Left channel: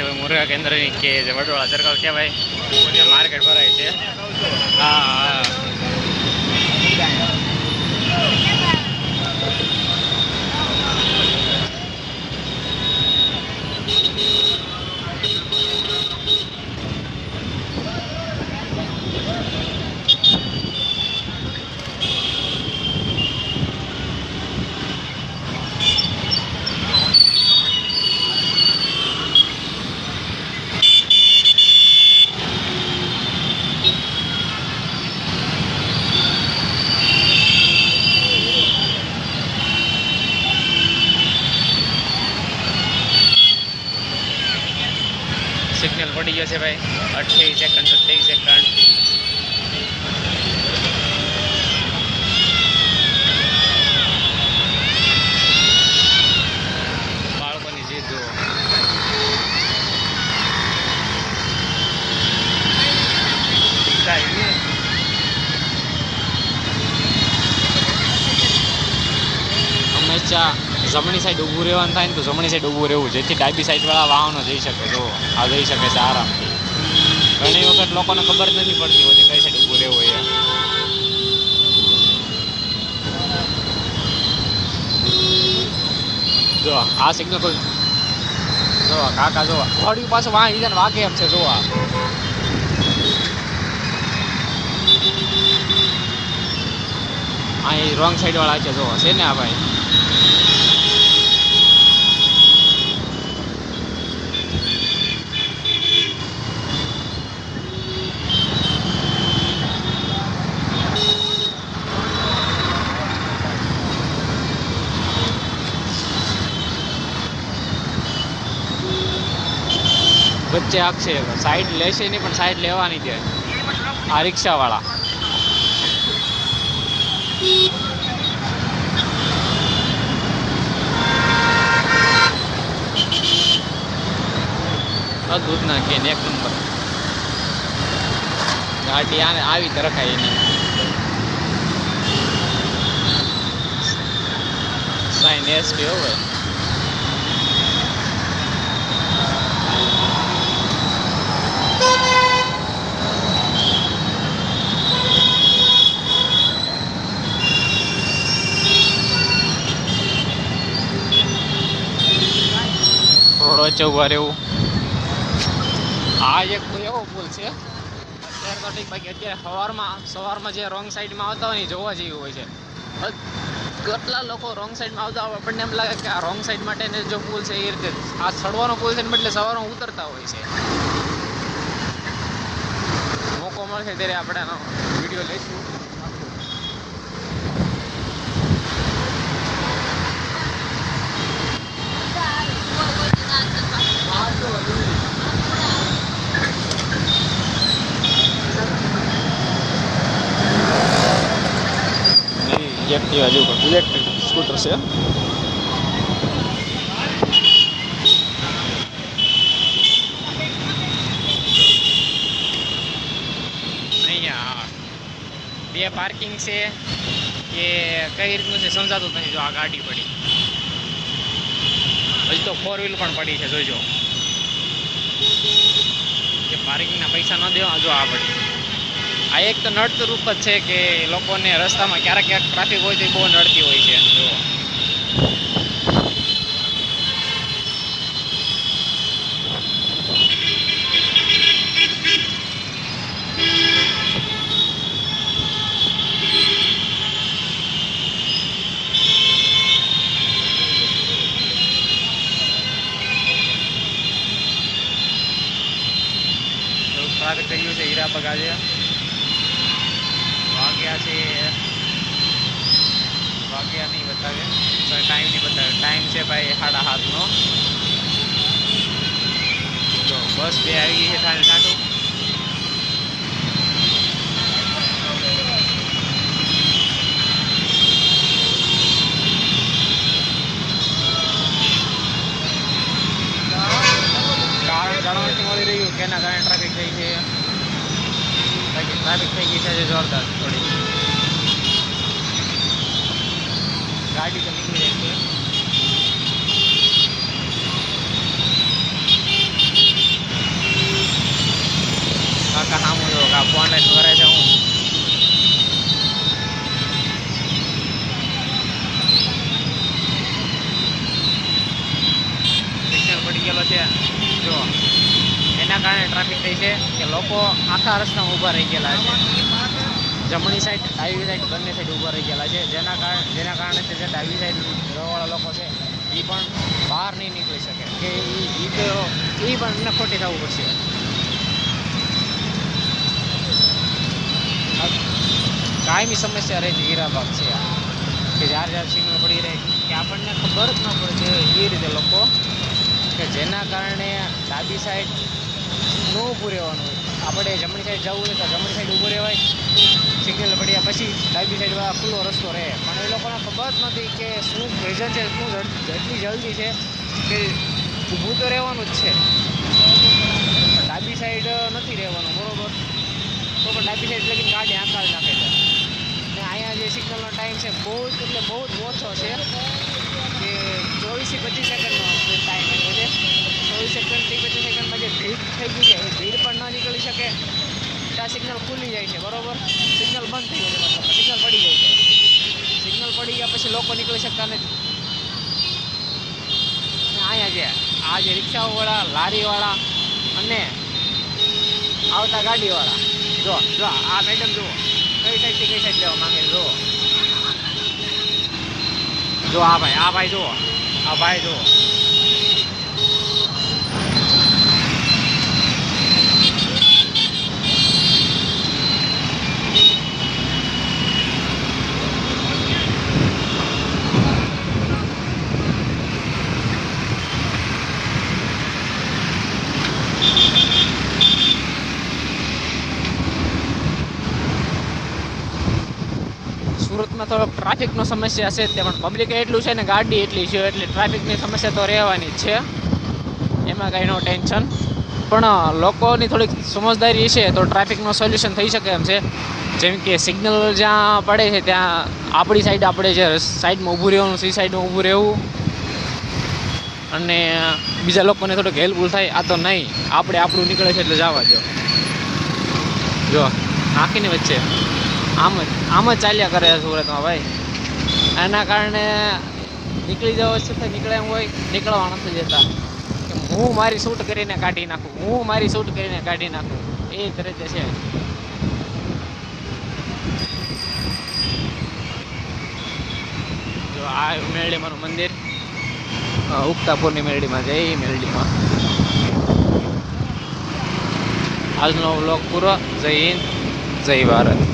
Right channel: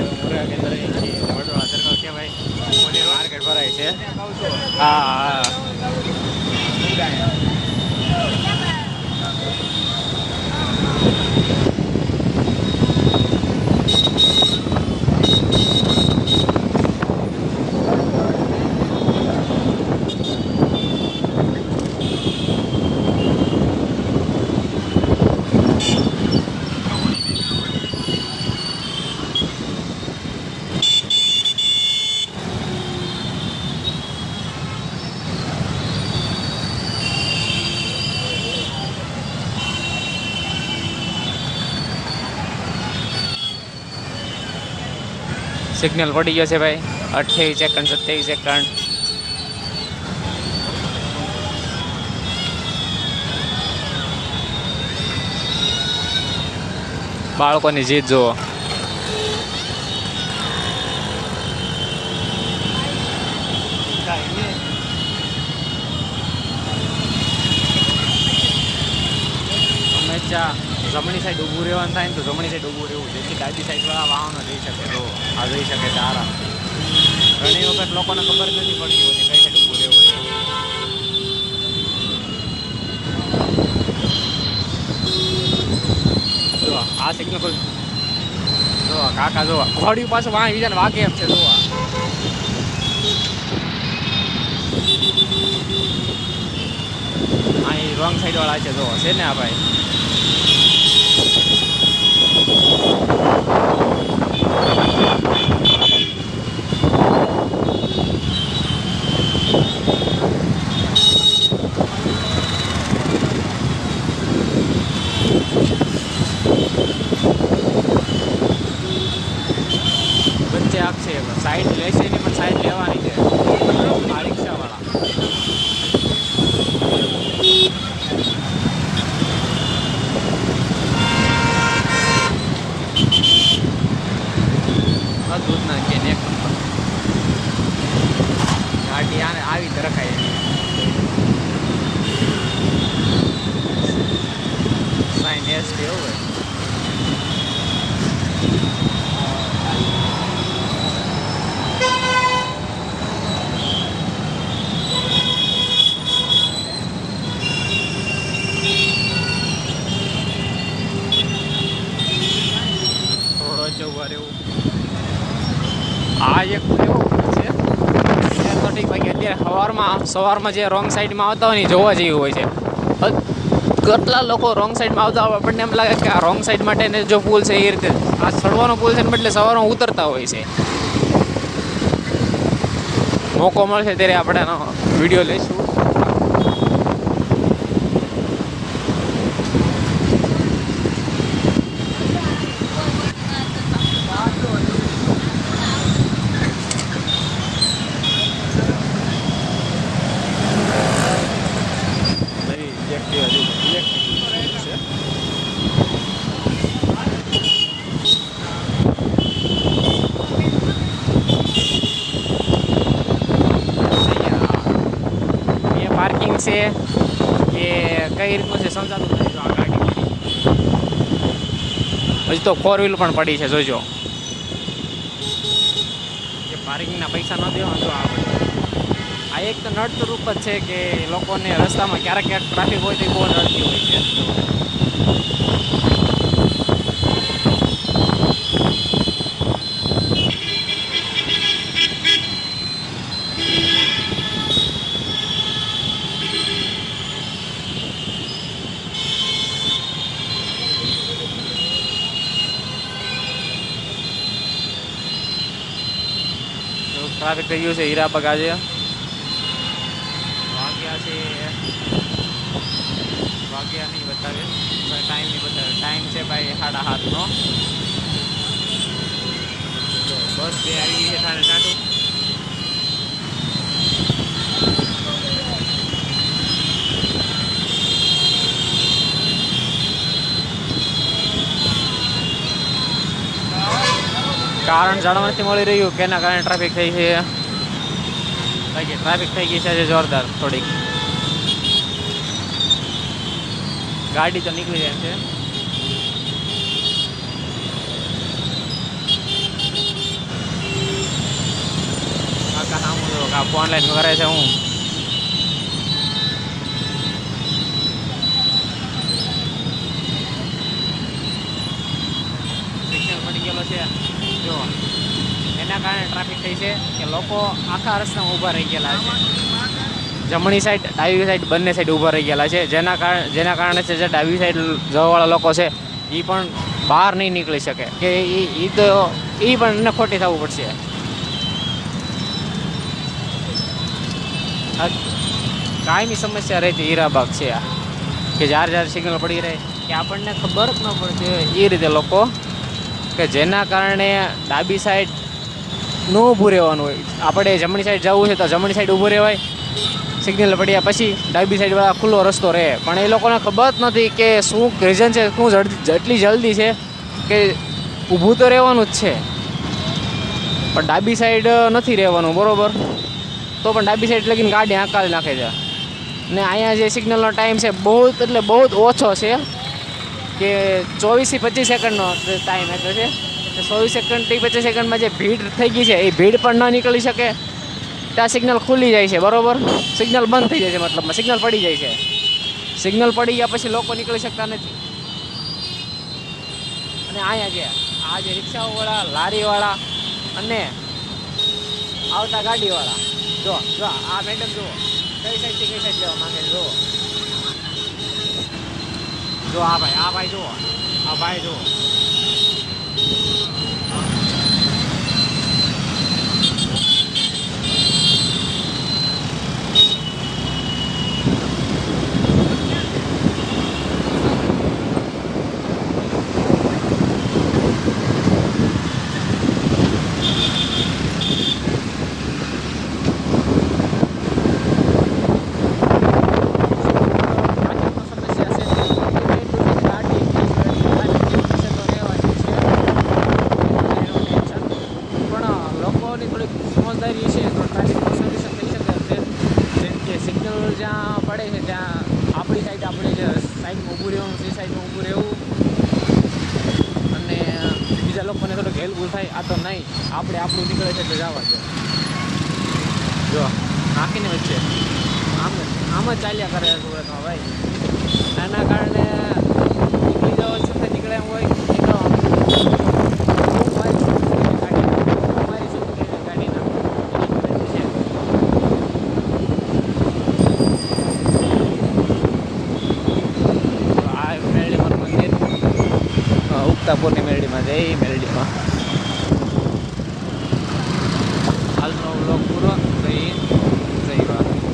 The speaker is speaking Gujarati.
છે મુર્ગા કેન્દ્રની કે જે વડોળા સર્કલ કહેવાય ત્યાં માર્કેટ ભરાય છે. હા હા સિગ્નલ પડી ગયો છે ભાઈ. 28 સેકન્ડ 27 સેકન્ડ. બાળકોની જીત જુઓ. હંમેશા જમણી સાઈડ ઊભું રહેવાનું થાય ને તો જમણી સાઈડ ઊભું રહેવું, જેથી ડાબી સાઈડવાળા વાહનો જઈ શકે. જો આ જઈ શકે છે આરામથી. ઘણી વખત લોકોને ખબર નથી પડતી હોતી કઈ સાઈડ ઊભું રહેવું એ. જો આ સિગ્નલ પર જો કાકા જો ઘોડી પાસે વાંચી જાય ને વાગે એમ છે. જો આ રોંગ સાઈડ વાળા છે. જો છે ને આ ભાઈ. વચ્ચે આખશે સાઈડ લેશે નહીં પણ સાઈડ લેવાની છે આ રિક્ષાવાળા. દૂધ નાખીએ ને 1 નંબર ગાડી આને આવી તો રખાય એની. સાઈન એસટી હોય. રોડ વચ્ચે ઉભા રહેવું. આ એક એવો છે અત્યારે સવારમાં જે રોંગ સાઈડમાં આવતા હોય ને જોવા જેવું હોય છે. કેટલા લોકો રોંગ સાઈડમાં આવતા હોય આપણને એમ લાગે કે આ રોંગ સાઈડ માટે જો પુલ છે એ રીતે આ ચડવાનો પુલ છે ને બદલે સવારમાં ઉતરતા હોય છે. મોકો મળશે ત્યારે આપણે એનો વિડીયો લઈશું. ઇલેક્ટ્રિક સ્કૂટર છે. અહીંયા એ પાર્કિંગ છે કે કઈ રીતનું છે સમજાતું નથી. જો આ ગાડી પડી હજી તો 4 વ્હીલ પણ પડી છે. જોજો એ પાર્કિંગના પૈસા ન દેવા. જો આ પડી. આ એક તો નડતું રૂપ જ છે કે લોકોને રસ્તામાં ક્યારેક ટ્રાફિક હોય તો બહુ નડતી હોય છે. જો ટ્રાફિક કર્યું છે હીરાબાગ. આજે વાગ્યા નહીં બતાવે, ટાઈમ નહીં બતાવે. ટાઈમ છે ભાઈ 7:30નો. જો બસ બે આવી ગઈ છે ઠાણે ઠાઠું. કારણ જાણવા નથી મળી રહ્યું કે એના કારણે ટ્રાફિક થઈ છે. ટ્રાફિક થઈ ગઈ છે જોરદાર. થોડીક ગાડી તો નીકળી જાય છે. ઓનલાઈન કરે છે હું સિગ્નલ પડી ગયેલો છે જો એના કારણે ટ્રાફિક થઈ છે કે લોકો આખા રસ્તામાં ઊભા રહી ગયેલા છે જમણી સાઈડ ડાબી સાઈડ બંને સાઈડ ઊભા રહી ગયેલા છે જેના કારણે છે જે ડાબી સાઈડ જવાવાળા લોકો છે એ પણ બહાર નહીં નીકળી શકે કે એ તો એ પણ એને ખોટી થવું પડશે કાયમી સમસ્યા રહેતી હીરાબાગ છે આ કે જ્યારે સિગ્નલ પડી રહે કે આપણને ખબર જ ન પડતી એ રીતે લોકો કે જેના કારણે ડાબી સાઈડ ન ઊભું રહેવાનું હોય આપણે જમણી સાઈડ જવું છે તો જમણી સાઈડ ઊભું રહેવાય સિગ્નલ પડ્યા પછી ડાબી સાઈડવાળા ખુલ્લો રસ્તો રહે પણ એ લોકોને ખબર જ નથી કે શું રીઝન છે શું જેટલી જલ્દી છે કે ઊભું તો રહેવાનું જ છે પણ ડાબી સાઈડ નથી રહેવાનું બરાબર તો પણ ડાબી સાઈડ લગીને ગાડી આંકાળી નાખે છે ને અહીંયા જે સિગ્નલનો ટાઈમ છે બહુ એટલે બહુ જ ઓછો છે કે 24 થી 25 સેકન્ડનો ટાઈમ આપ્યો છે 24 સેકન્ડથી 25 સેકન્ડમાં જે ભીડ થઈ ગઈ છે એ ભીડ પણ ન નીકળી શકે ત્યાં સિગ્નલ ખુલી જાય છે બરાબર સિગ્નલ બંધ થઈ જાય છે મતલબમાં સિગ્નલ પડી જાય છે સિગ્નલ પડી ગયા પછી લોકો નીકળી શકતા નથી અને અહીંયા છે આ જે રિક્ષાઓવાળા લારીવાળા અને આવતા ગાડીવાળા જો આ મેડમ જુઓ કઈ સાઈડથી કઈ સાઈડ લેવા માંગે છે જો આ ભાઈ જુઓ ટ્રાફિકનો સમસ્યા છે તેમાં પબ્લિક એટલું છે ને ગાડી એટલી છે એટલે ટ્રાફિકની સમસ્યા તો રહેવાની જ છે એમાં કંઈ નો ટેન્શન પણ લોકોની થોડીક સમજદારી છે તો ટ્રાફિકનું સોલ્યુશન થઈ શકે એમ છે જેમ કે સિગ્નલ જ્યાં પડે છે ત્યાં આપણી સાઈડ આપણે જે સાઈડમાં ઊભું રહેવાનું સી સાઈડમાં ઊભું રહેવું અને બીજા લોકોને થોડુંક હેલ્પફુલ થાય આ તો નહીં આપણે આપણું નીકળે છે એટલે જવા દો જો નાખીને વચ્ચે આમ જ ચાલ્યા કરે સુરતમાં ભાઈ એના કારણે નીકળી જવા છતાં નીકળે એમ હોય નીકળવા નથી દેતા હું મારી શૂટ કરીને કાઢી નાખું એ રીતે છે તો આ મેરડીમાનું મંદિર ઉગતાપુરની મેરડીમાં જય મેરડીમાં આજનો વ્લોગ પૂરો જય હિન્દ જય ભારત